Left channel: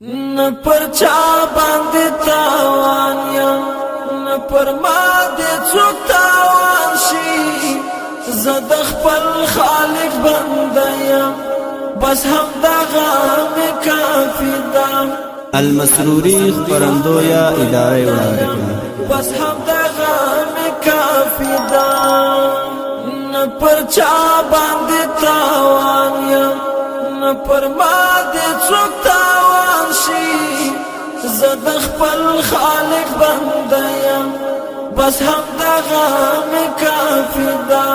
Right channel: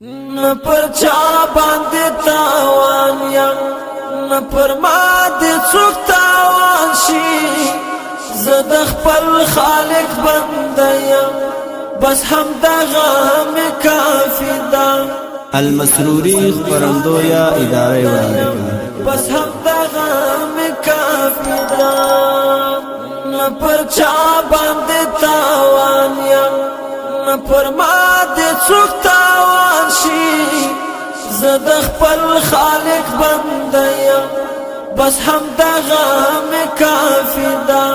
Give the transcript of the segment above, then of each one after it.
نه پر چا باندې تاوان یم نه پر ما دې څوک تاوان شي زه د خپل خالق بنده یم بس همدغه مې کافي ده المسروري خپرندویه اداره وړاندې کوي بس همدغه مې کافي ده نه پر چا باندې تاوان یم نه پر ما دې څوک تاوان شي زه د خپل خالق بنده یم بس همدغه مې کافي ده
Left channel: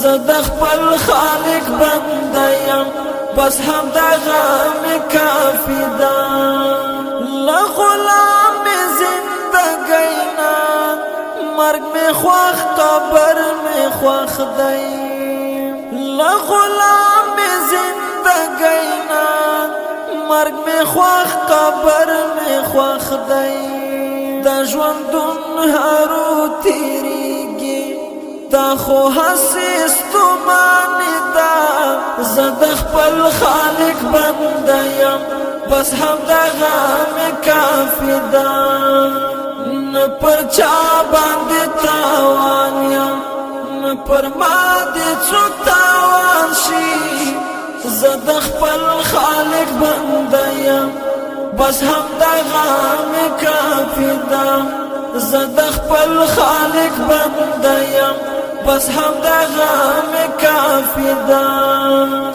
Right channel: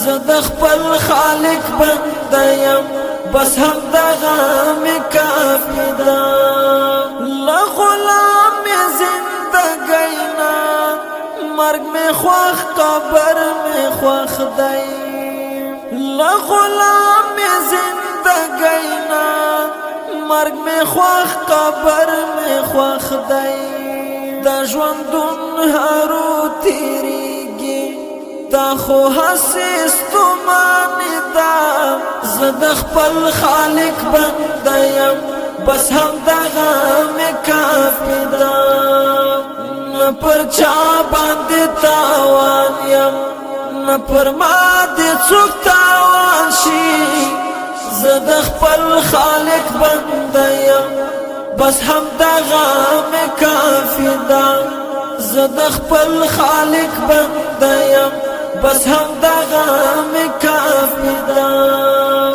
زه د خپل خالق بنده یم بس همدغه مې کافي ده له غلام مې زندګۍ نه مرګ مې خوښ قبر مې خوښ دی له غلام مې زندګۍ نه مرګ مې خوښ قبر مې خوښ دی د ژوندون هرو تیریږي دا خو هسې ستومانې ده زه د خپل خالق بنده یم بس همدغه مې کافي ده نه پر چا باندې تاوان یم نه پر ما دې څوک تاوان شي زه د خپل خالق بنده یم بس همدغه مې کافي ده زه د خپل خالق بنده یم بس همدغه مې کافي ده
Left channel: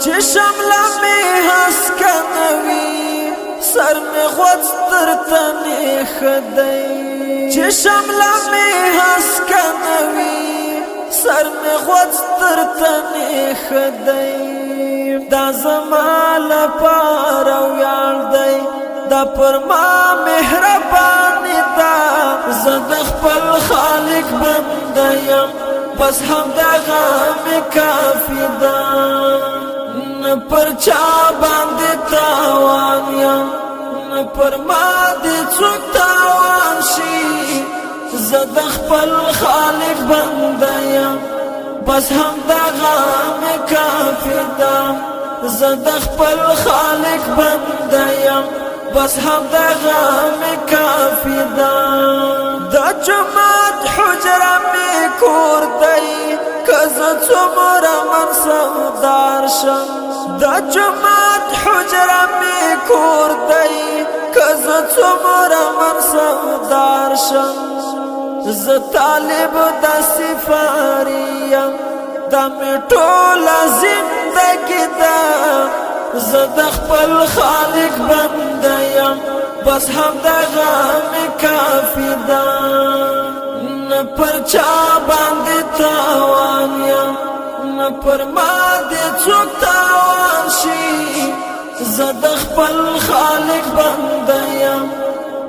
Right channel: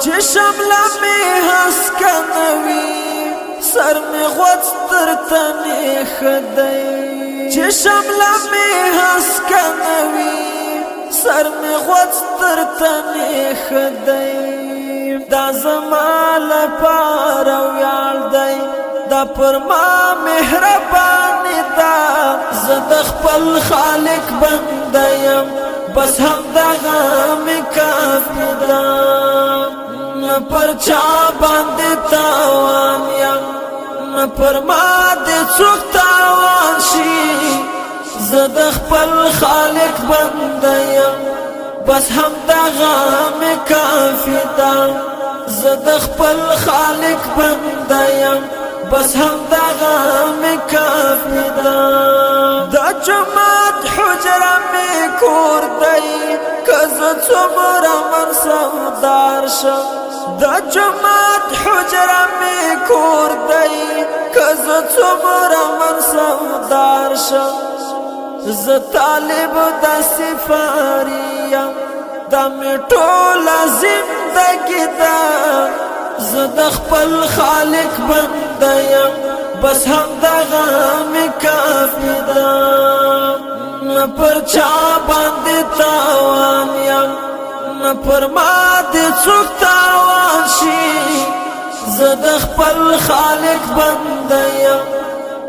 چې شمله مې هسکه نه وي سر مې غوڅ تر تنې ښه دی چې شمله مې هسکه نه وي سر مې غوڅ تر تنې ښه دی دا زما لپاره ویاړ دی دا پر ما مهرباني ده زه د خپل خالق بنده یم بس همدغه مې کافي ده نه پر چا باندې تاوان یم نه پر ما دې څوک تاوان شي زه د خپل خالق بنده یم بس همدغه مې کافي ده زه د خپل خالق بنده یم بس همدغه مې کافي ده د جماعت حجره مې کور دی که زه څومره منصبدار شم د جماعت حجره مې کور دی که زه څومره منصبدار شم زه طالب د سفاري یم دا مې ټوله زندګي ده زه د خپل خالق بنده یم بس همدغه مې کافي ده نه پر چا باندې تاوان یم نه پر ما دې څوک تاوان شي زه د خپل خالق بنده یم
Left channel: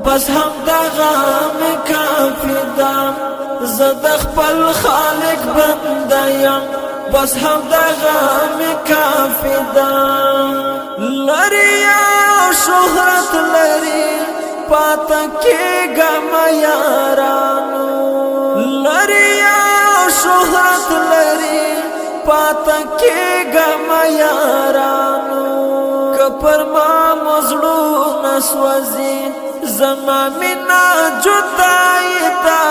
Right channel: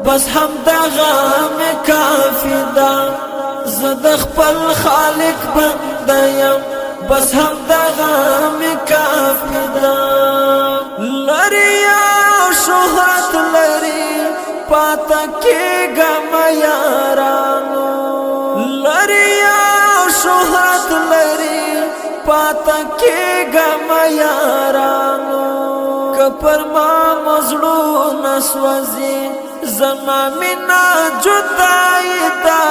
بس همدغه مې کافي ده زه د خپل خالق بنده یم بس همدغه مې کافي ده لري او شهرت لري پاته کېږم یارانو لري او شهرت لري پاته کېږم یارانو که پر ما مزړونه سوځي زما مینه جدایي ده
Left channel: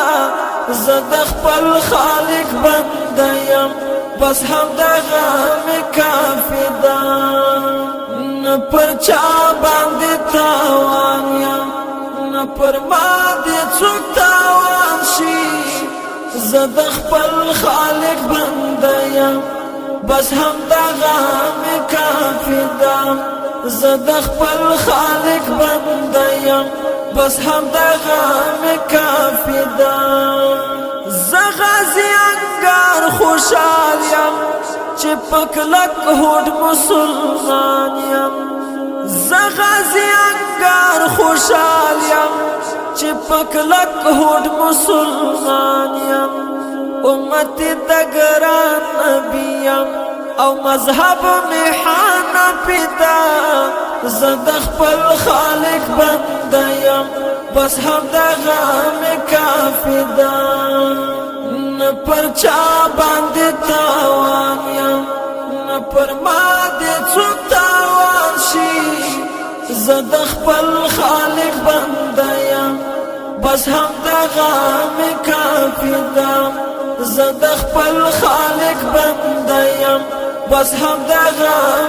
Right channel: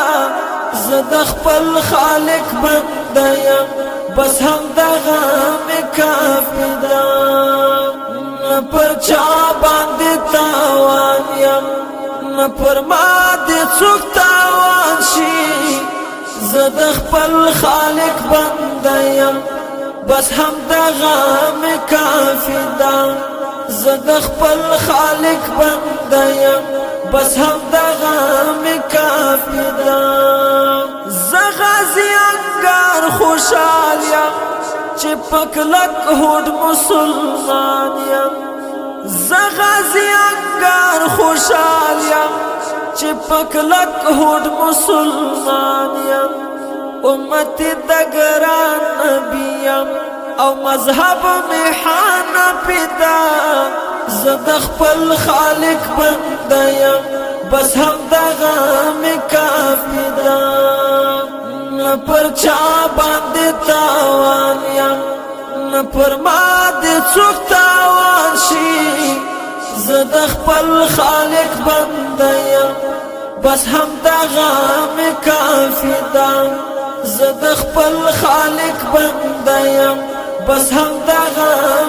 زه د خپل خالق بنده یم بس همدغه مې کافي ده نه پر چا باندې تاوان یم نه پر ما دې څوک تاوان شي زه د خپل خالق بنده یم بس همدغه مې کافي ده زه د خپل خالق بنده یم بس همدغه مې کافي ده زه غازي انګار خوشحال یم چې په کلک هوډ مسلمان یم زه غازي انګار خوشحال یم چې په کلک هوډ مسلمان یم امتي د ګران نبي یم او مذهب مې حنفي ده زه د خپل خالق بنده یم بس همدغه مې کافي ده نه پر چا باندې تاوان یم نه پر ما دې څوک تاوان شي زد خپل خالق بنده یم بس هم دغه می کافی ده زد خپل خالق بنده یم بس هم دغه